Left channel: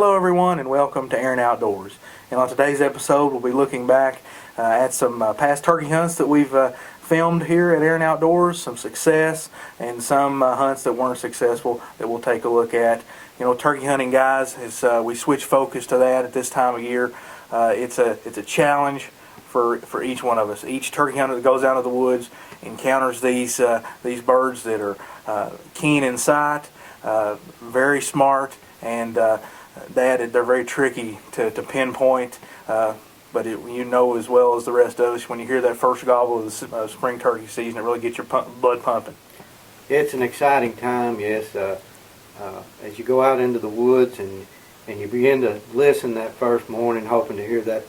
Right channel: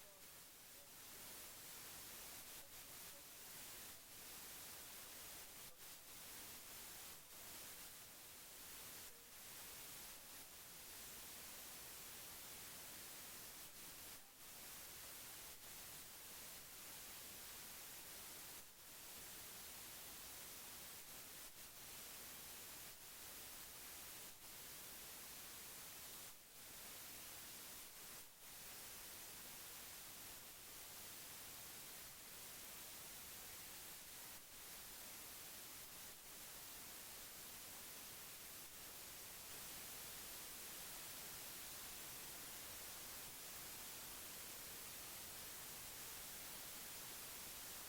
Hello everyone and welcome to Aaron Outdoors. And on today's episode we'll be looking back at some past turkey hunts that we've filmed here at Aaron Outdoors, some success and some hunts that weren't successful that we'll take a look at. You know, turkey hunting, guys, is we switch focus to that at this time of year. It's a challenge for each one of us. Each turkey hunter that goes out of the woods encounters these birds that are keen in sight, very smart, and they're very tricky to pinpoint. But you know as well as the rest of us, when you hear that first gobble of the spring turkey season, it really gets your blood pumping. It's an exciting time, yes. As you go out into the woods and you begin to listen that first morning, hoping to hear that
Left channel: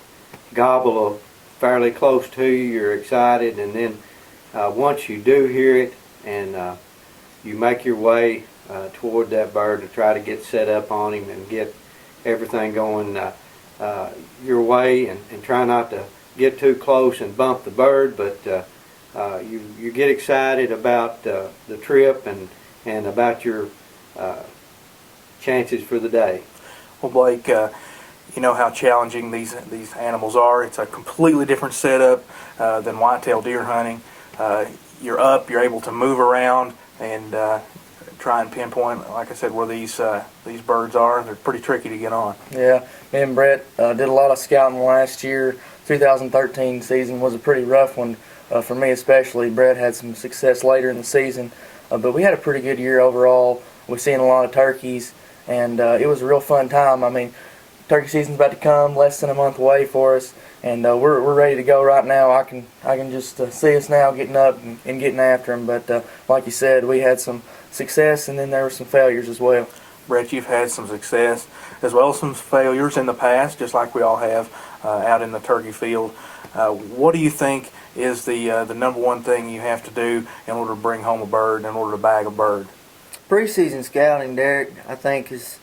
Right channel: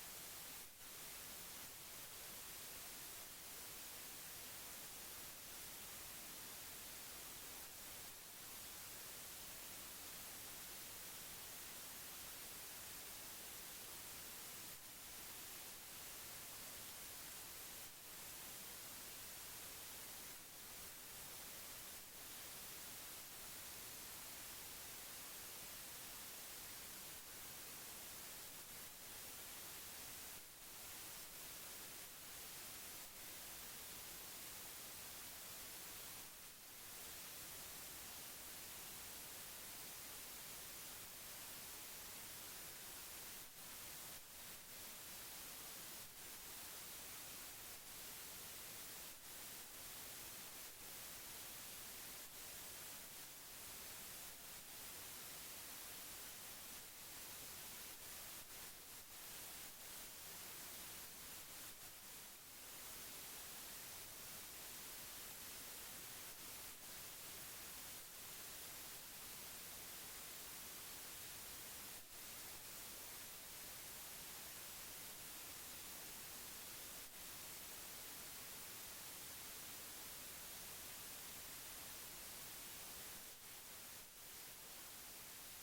gobble of fairly close to you, you're excited, and then once you do hear it and you make your way toward that bird to try to get set up on him and get everything going your way, and try not to get too close and bump the bird, but you get excited about the trip and about your chances for the day. Well, Blake, you know how challenging these animals are. It's a completely different setup than whitetail deer hunting. You're up, you're able to move around and try and pinpoint, like I said, where these birds are. They're pretty tricky to get on. Yeah, me and Brett did a lot of scouting last year. 2013 season was a pretty rough one for me especially. Brett had some success later in the season, but we had a pretty good year overall. We've seen a lot of turkeys, and it was a real fun time. I mean, turkey season's about to come, less than a month away for us, and we're ready to go right now. I can just see us now getting up and getting after them. But like you said, we had some success, and then there were some failures as well. Brett, you've had some success as well as some failures in the past, just like we all have out in the turkey field. What do you think is the number one thing you have to do in order to bring home a bird, in order to bag a bird? Preseason scouting, Derek, I think is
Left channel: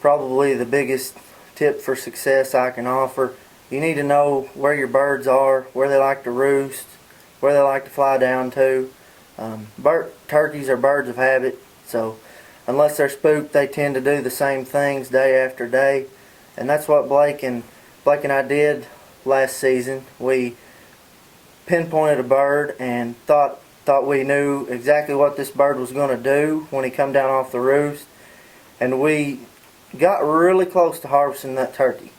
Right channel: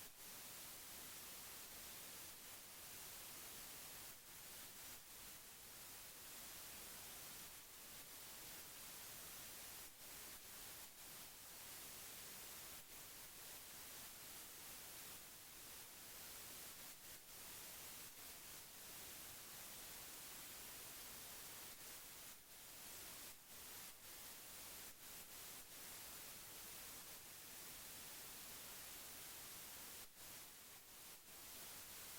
probably the biggest tip for success I can offer. You need to know where your birds are, where they like to roost, where they like to fly down to. Turkeys are birds of habit, so unless they're spooked, they tend to do the same things day after day, and that's what Blake and I did last season. We pinpointed a bird and thought we knew exactly what this bird was going to do when he come down off the roost, and we got really close to harvesting that turkey.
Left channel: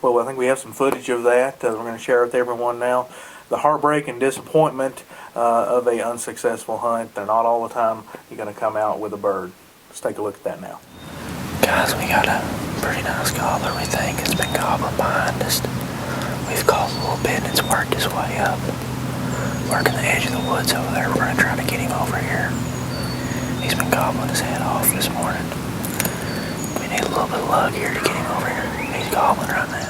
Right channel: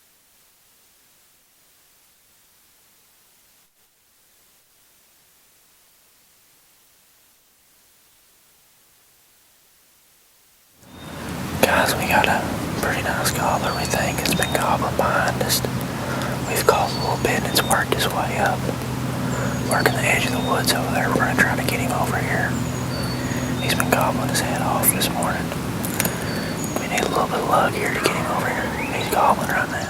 Well, I think we have some footage of that. We're going to share with everyone now. The heartbreak and disappointment of a unsuccessful hunt. They're not all the time you're going to come out with a bird. Let's take a look at that now. Guys, we got a pretty nice gobbler, we think. It's been gobbling behind us. We've called a little bit and it's worked his way up. Working the edge of the woods over there. We're going to try to get him over here. He's been gobbling his head off this morning. We need a little bit of luck here to get him over here. He's gobbling right now.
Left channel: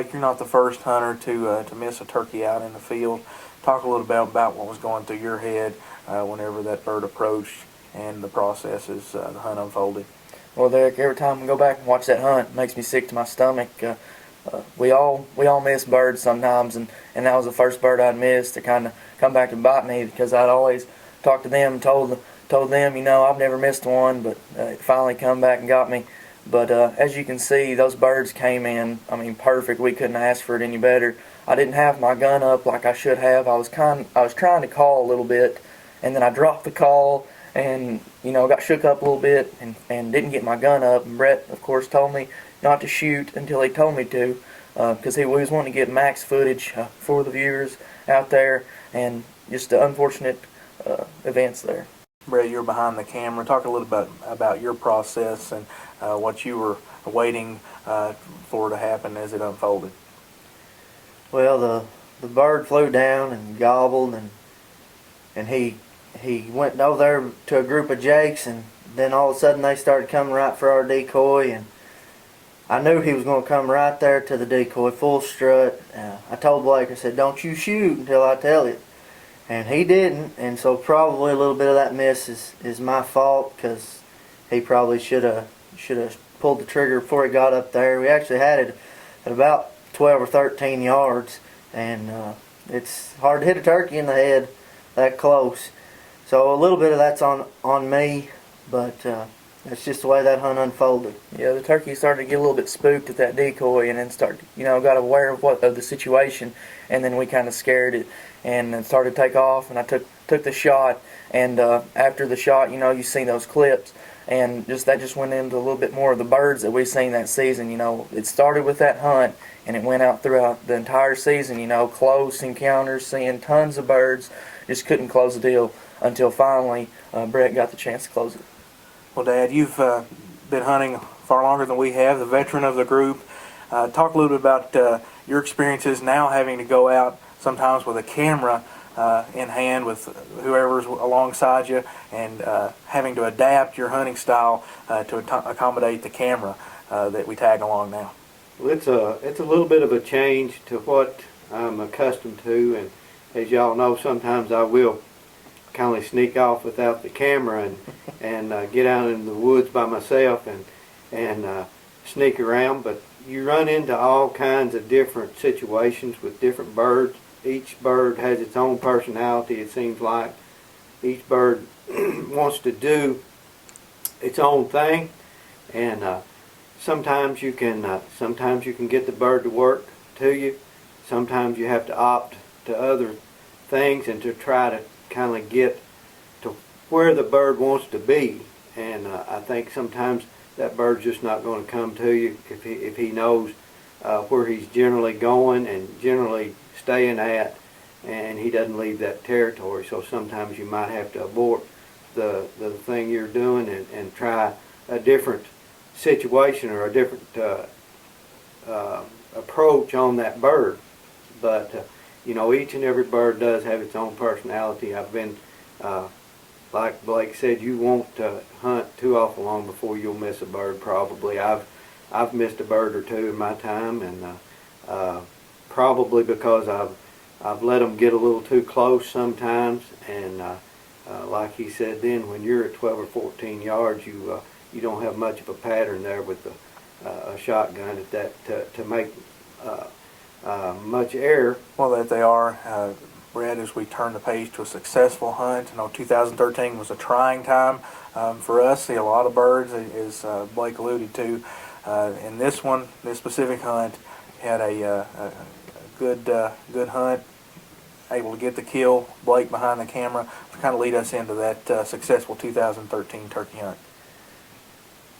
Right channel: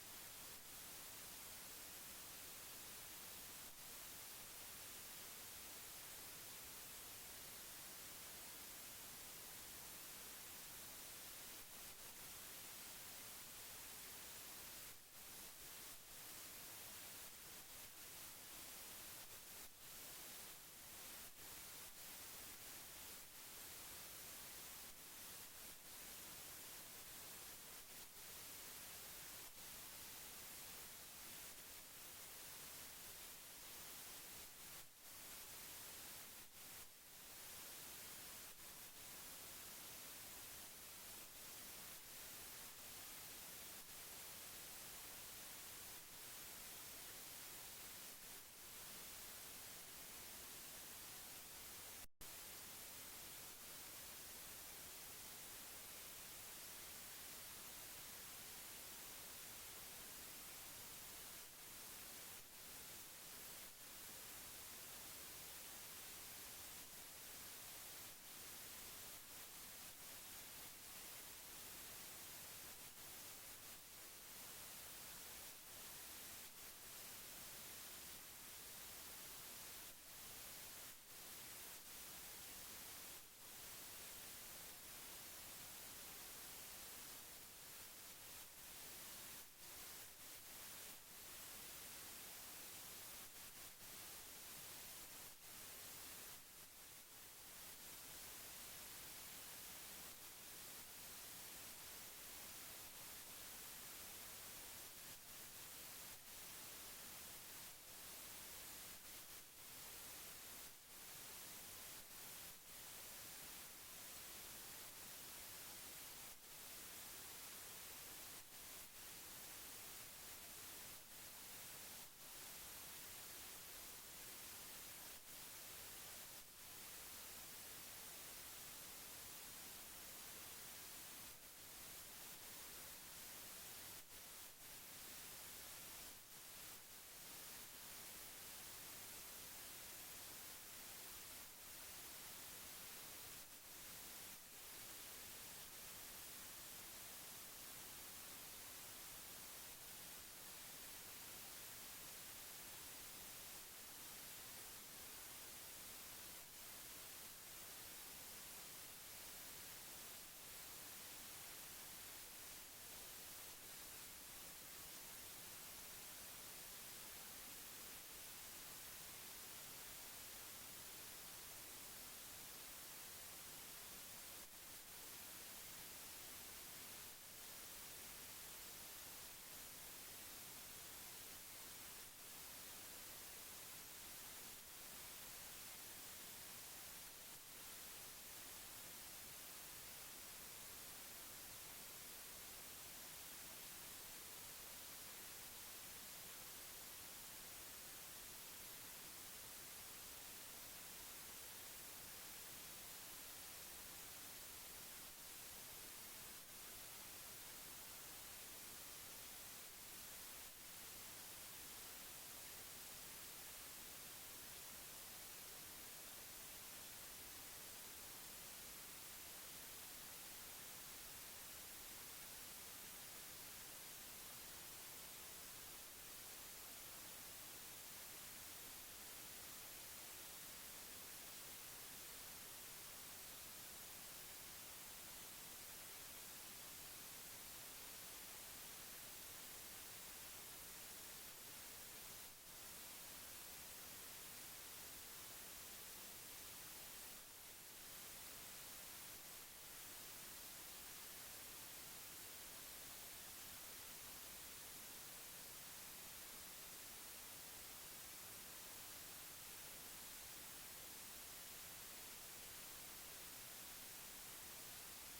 Blake, you're not the first hunter to miss a turkey out in the field. Talk a little bit about what was going through your head whenever that bird approached and the process as the hunt unfolded. Well, Derek, every time I go back and watch that hunt, it makes me sick to my stomach. We all miss birds sometimes, and that was the first bird I'd missed to kind of come back and bite me, because I'd always talked to them and told them, I've never missed one, but it finally come back and got me. But as you can see, those birds came in, perfect. We couldn't ask for it any better. I didn't have my gun up like I should have. I was trying to call a little bit, and then I dropped the call and got shook up a little bit and didn't get my gun up. And Brett, of course, told me not to shoot until he told me to, because he was wanting to get max footage for the viewers out there, and just the unfortunate events there. Brett, you're behind the camera. Talk a little bit about your process and what you were waiting for to happen as it unfolded. Well, the bird flew down and gobbled, and he went over there to a group of jakes, and then all of a sudden they started coming right for our decoy, and I knew he was going to come right there to the decoy, full strut. I told Blake, I said, "Don't you shoot until I tell you." And he didn't, and so probably a little bit of that miss is my fault, because he probably should have pulled the trigger before he got up there. We actually had it at about 12 or 13 yards, and it's hard to hit a turkey in the head that close. So a little bit of that's on me, but that's just the way that hunt unfolded. Yeah, the turkey started to get a little bit spooked at that decoy, and then got aware of the situation, and then we kind of scared it, and then started to take off, and I took the shot, and after the shot, you see those clips, and that just went into a little bit more of the birds that we've seen that season. It started with that hunt, and it went out throughout the entire season. Close encounters, seeing tons of birds, just couldn't close the deal until finally Brett got the chance to close it. Well, Dad, you've been hunting far longer than we have, the veteran of the group. Talk a little bit about your experiences now having to go out sometimes with a camera in hand with whoever's alongside you, and having to adapt your hunting style to accommodate the camera that we tag along now. Well, it's a little bit of a change to what I'm accustomed to, and as y'all know, sometimes I will kind of sneak off without the camera and get out into the woods by myself and sneak around. But you run into all kinds of different situations with different birds. Each bird has its own personality, it seems like. Each bird wants to do its own thing, and sometimes you can get the bird to work to you. Sometimes you have to opt to other things and to try to kind of get to where the bird wants to be. And I think sometimes that bird's just not going to come to you if he knows where he's generally going and generally staying at, and he doesn't leave that territory. So sometimes you might have to abort the thing you're doing and try a different situation or a different approach on that bird. But each and every bird does have its own personality. I've been like Blake said, you won't hunt too awful long before you'll miss a bird. Probably I've missed a bird or two in my time, and probably because I've let them get a little too close sometimes. And like he said, then when you're at 12 or 14 yards, you don't have much of a pattern there with a shotgun at that to make much error. Well, that they are. Brett, as we turn the page to a successful hunt, 2013 was a trying time for us. See a lot of birds, as Blake alluded to. In this specific hunt, had a good hunt, able to get the kill. Blake behind the camera to kind of lead us into that successful 2013 turkey hunt.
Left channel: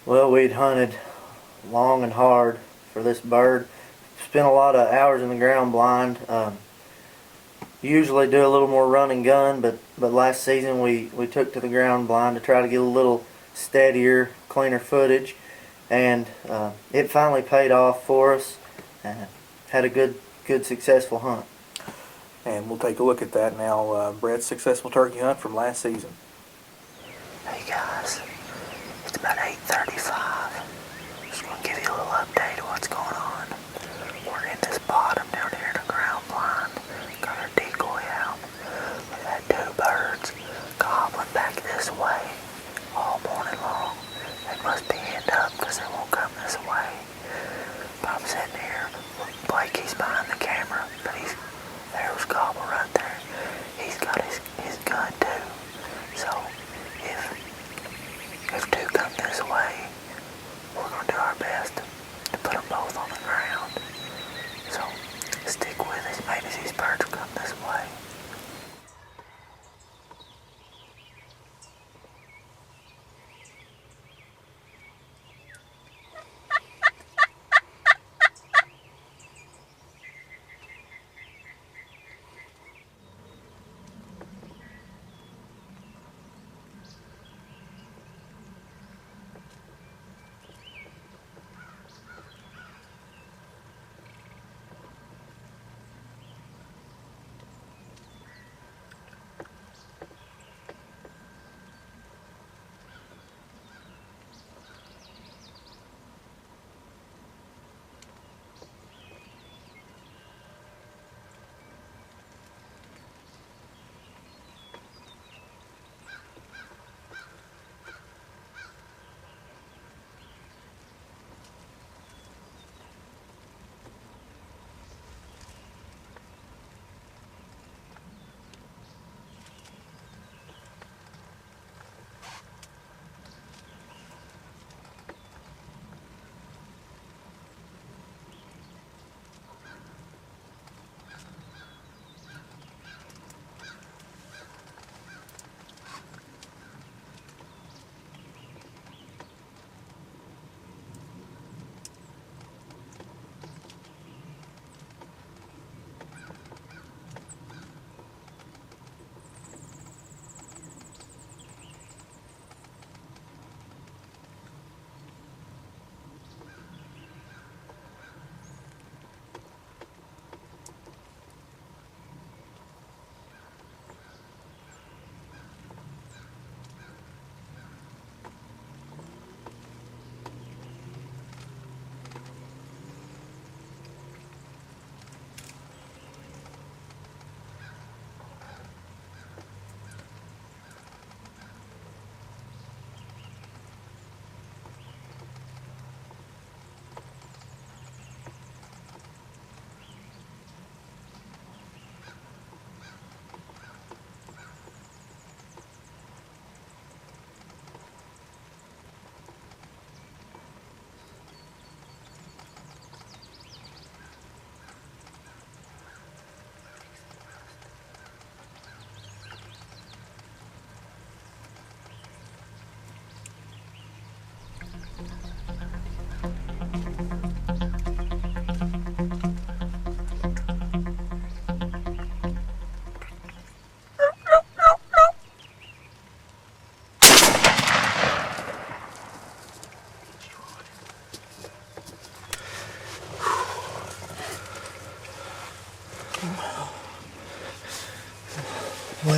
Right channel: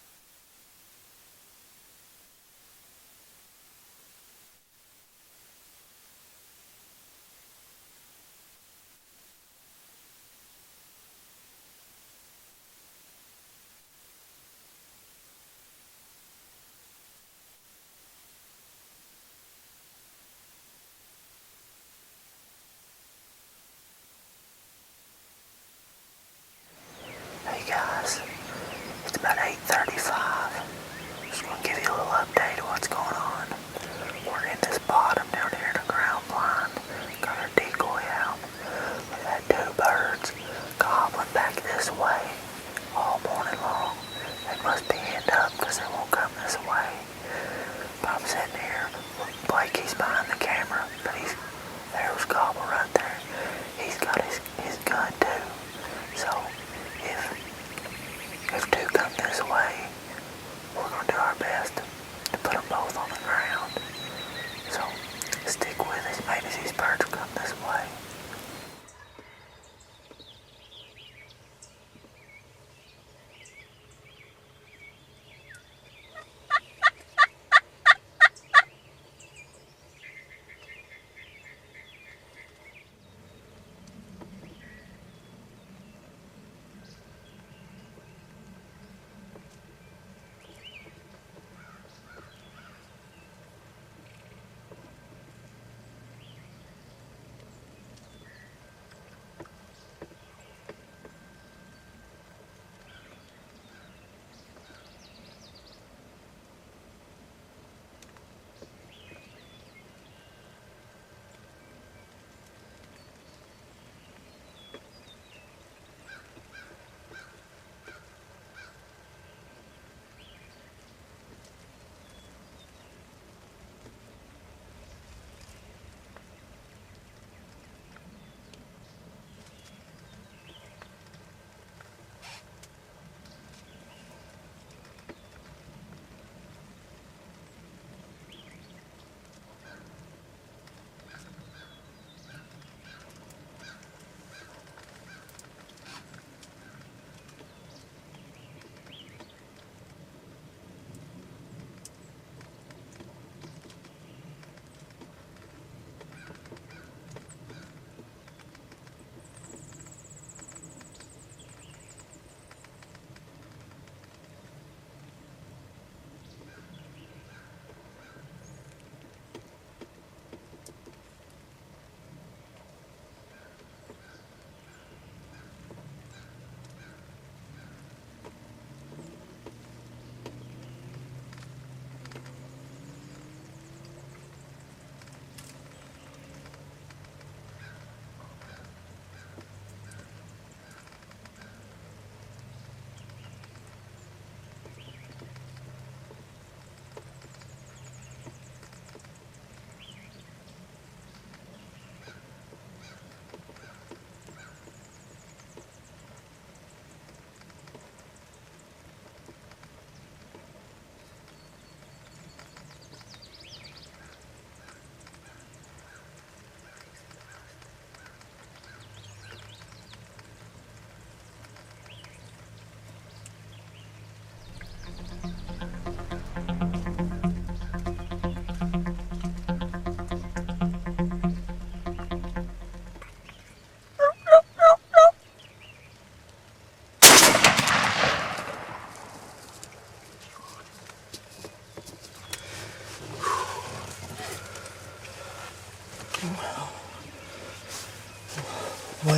Well, we'd hunted long and hard for this bird. Spent a lot of hours in the ground blind. Usually do a little more run and gun, but last season we took to the ground blind to try to get a little steadier, cleaner footage, and it finally paid off for us. Had a good successful hunt. And we'll take a look at that now. Brett's successful turkey hunt from last season. Hey guys, it's about 8:35. Just want to give you a little update of what's going on. We're in this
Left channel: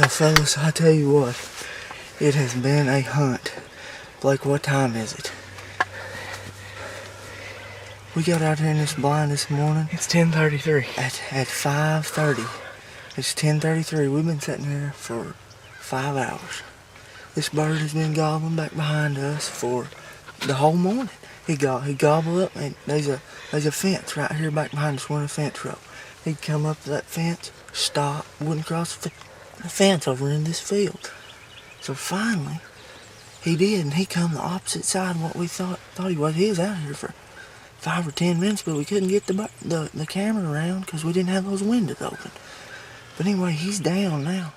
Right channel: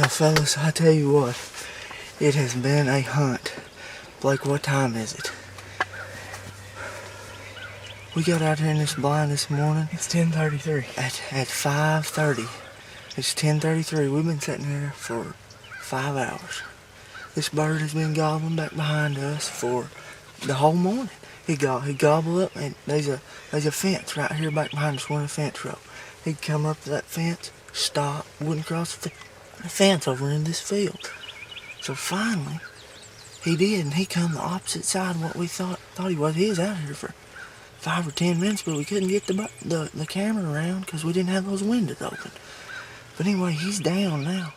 Well, fellas, I tell you what, it has been a hunt. Blake, what time is it? We got out here in this blind this morning. It's 10:33. At 5:30. It's 10:33. We've been sitting here for 5 hours. This bird has been gobbling back behind us for the whole morning. He gobbled up, and there's a fence right here back behind us. We're in a fence row. He'd come up to that fence, stop, wouldn't cross the fence over in this field. So finally, he did, and he come the opposite side of what we thought he was. He was out here for 5 or 10 minutes, but we couldn't get the camera around because we didn't have those windows open. But anyway, he's down now.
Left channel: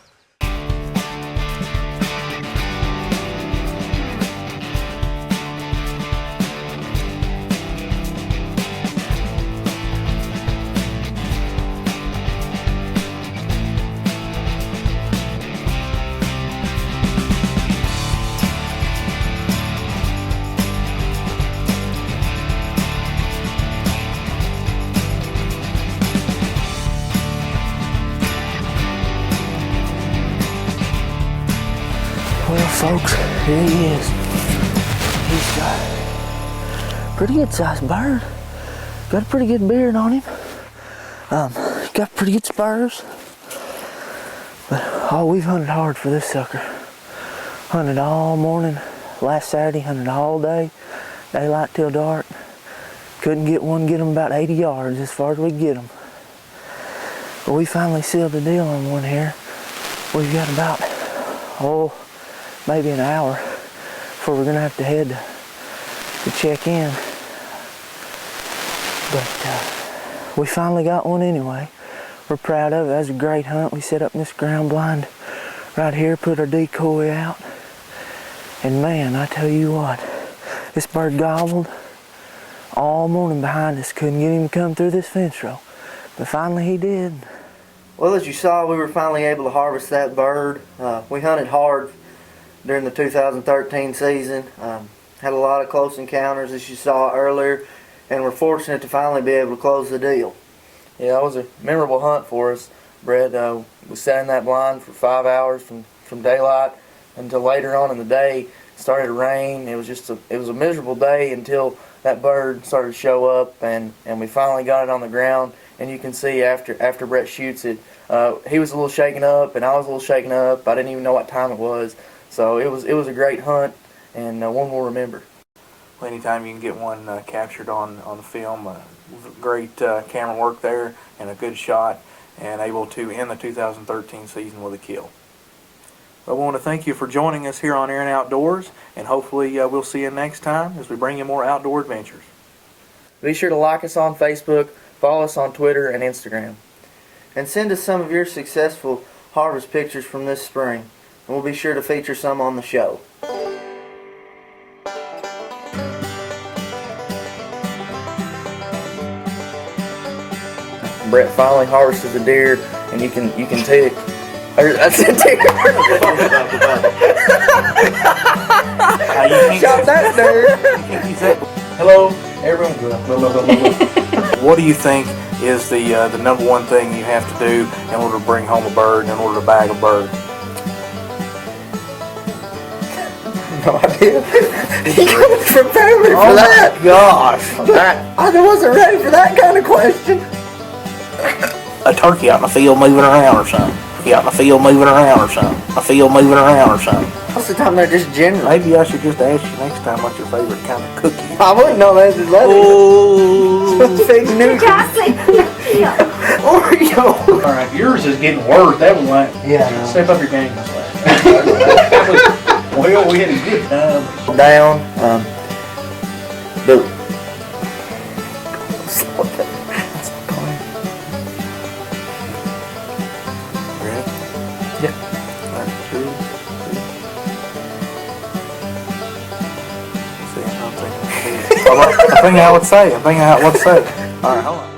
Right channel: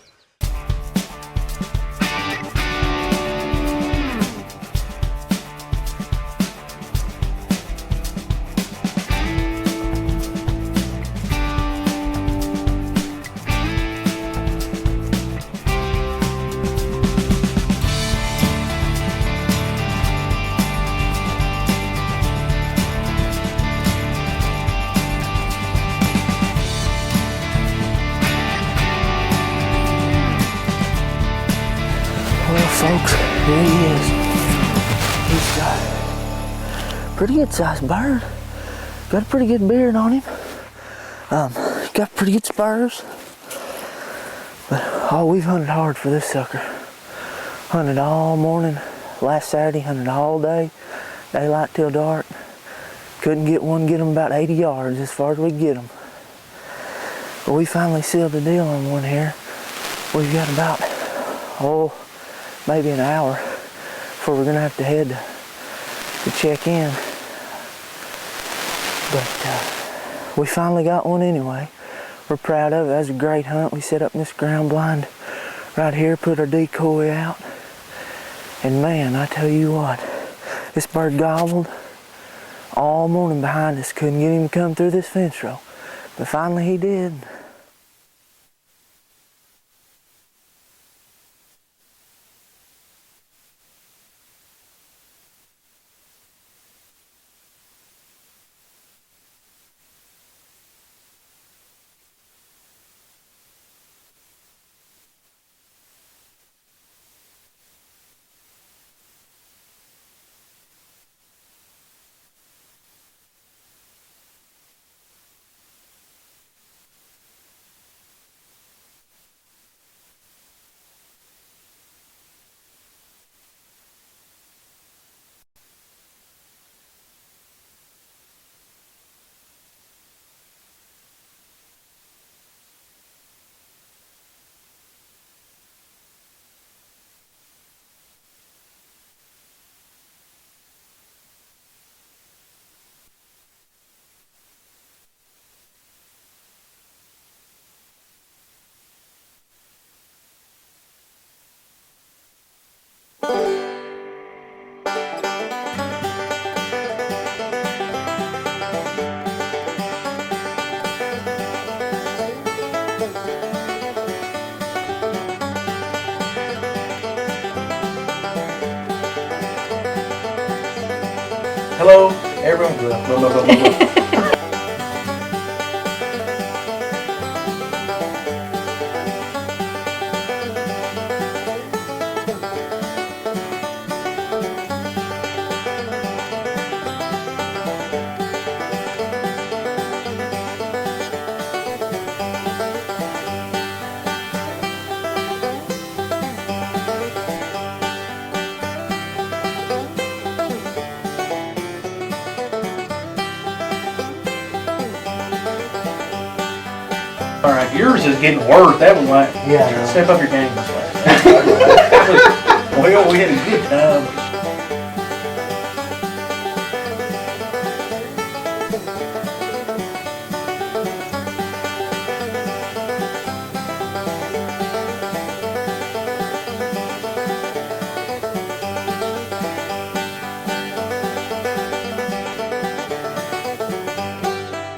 Well, folks, here he is. He's got a pretty good sized bird. Got a pretty good beard on him. Got pretty good spurs. But we've hunted hard for this sucker. Hunted all morning last Saturday, hunted all day, daylight till dark. Couldn't get him about 80 yards as far as we could get him. But we finally sealed the deal on one here. We've got about, maybe an hour before we're gonna have to head to check in. But we finally got one anyway. We're proud of it. That was a great hunt. We set up in this ground blind right here, put our decoy out. And man, I tell you what, this bird gobbled all morning behind us. Couldn't get him to come through this fence row. But finally he did. Well, as you saw, we were finally able to harvest that bird. We hunted hard during the 2013 season. Had a lot of close encounters, as you saw earlier, and we're fortunate to finally be able to close the deal. Yeah, it was a memorable hunt for us, Brett. We sat in that blind for 5 hours from daylight until later on in the day. It started to rain. It was a miserable day until that bird started to show up, and we finally got it on the ground. And you can see after Brett shoots it, he was a little shaken up, and I was a little shaken up. I didn't even know what time it was. So it was a great hunt, and one we'll remember. Well, anytime you can get one captured on the film, great camera work there, and a good shot, and able to end the 2013 season with a kill. Well, I want to thank you for joining us here on Aaron Outdoors, and hopefully we'll see you next time as we bring you more outdoor adventures. Be sure to like us on Facebook, follow us on Twitter and Instagram. And send us some of your successful harvest pictures from this spring, and we'll be sure to feature some on the show. Brett finally harvested the deer, and you can see it. That's a deer. Shot that deer. Hello, everyone. What do you think is the number one thing you have to do in order to bring home a bird, in order to bag a bird? No idea. He was prepared for that. Gosh. I wasn't ready for that kind of question. A turkey out in the field moving around or something. You out in the field moving around or something. A field moving around or something. Most of the time they're just general. Maybe I should just ask you next time what's your favorite kind of cookie. I wouldn't know that is that. Oh. Fake news. Oreo. All right, yours is getting worse. That was like, Yeah. step up your game this last. Well, we had a good time. Down. Dude. I think I would say. All right, hold on.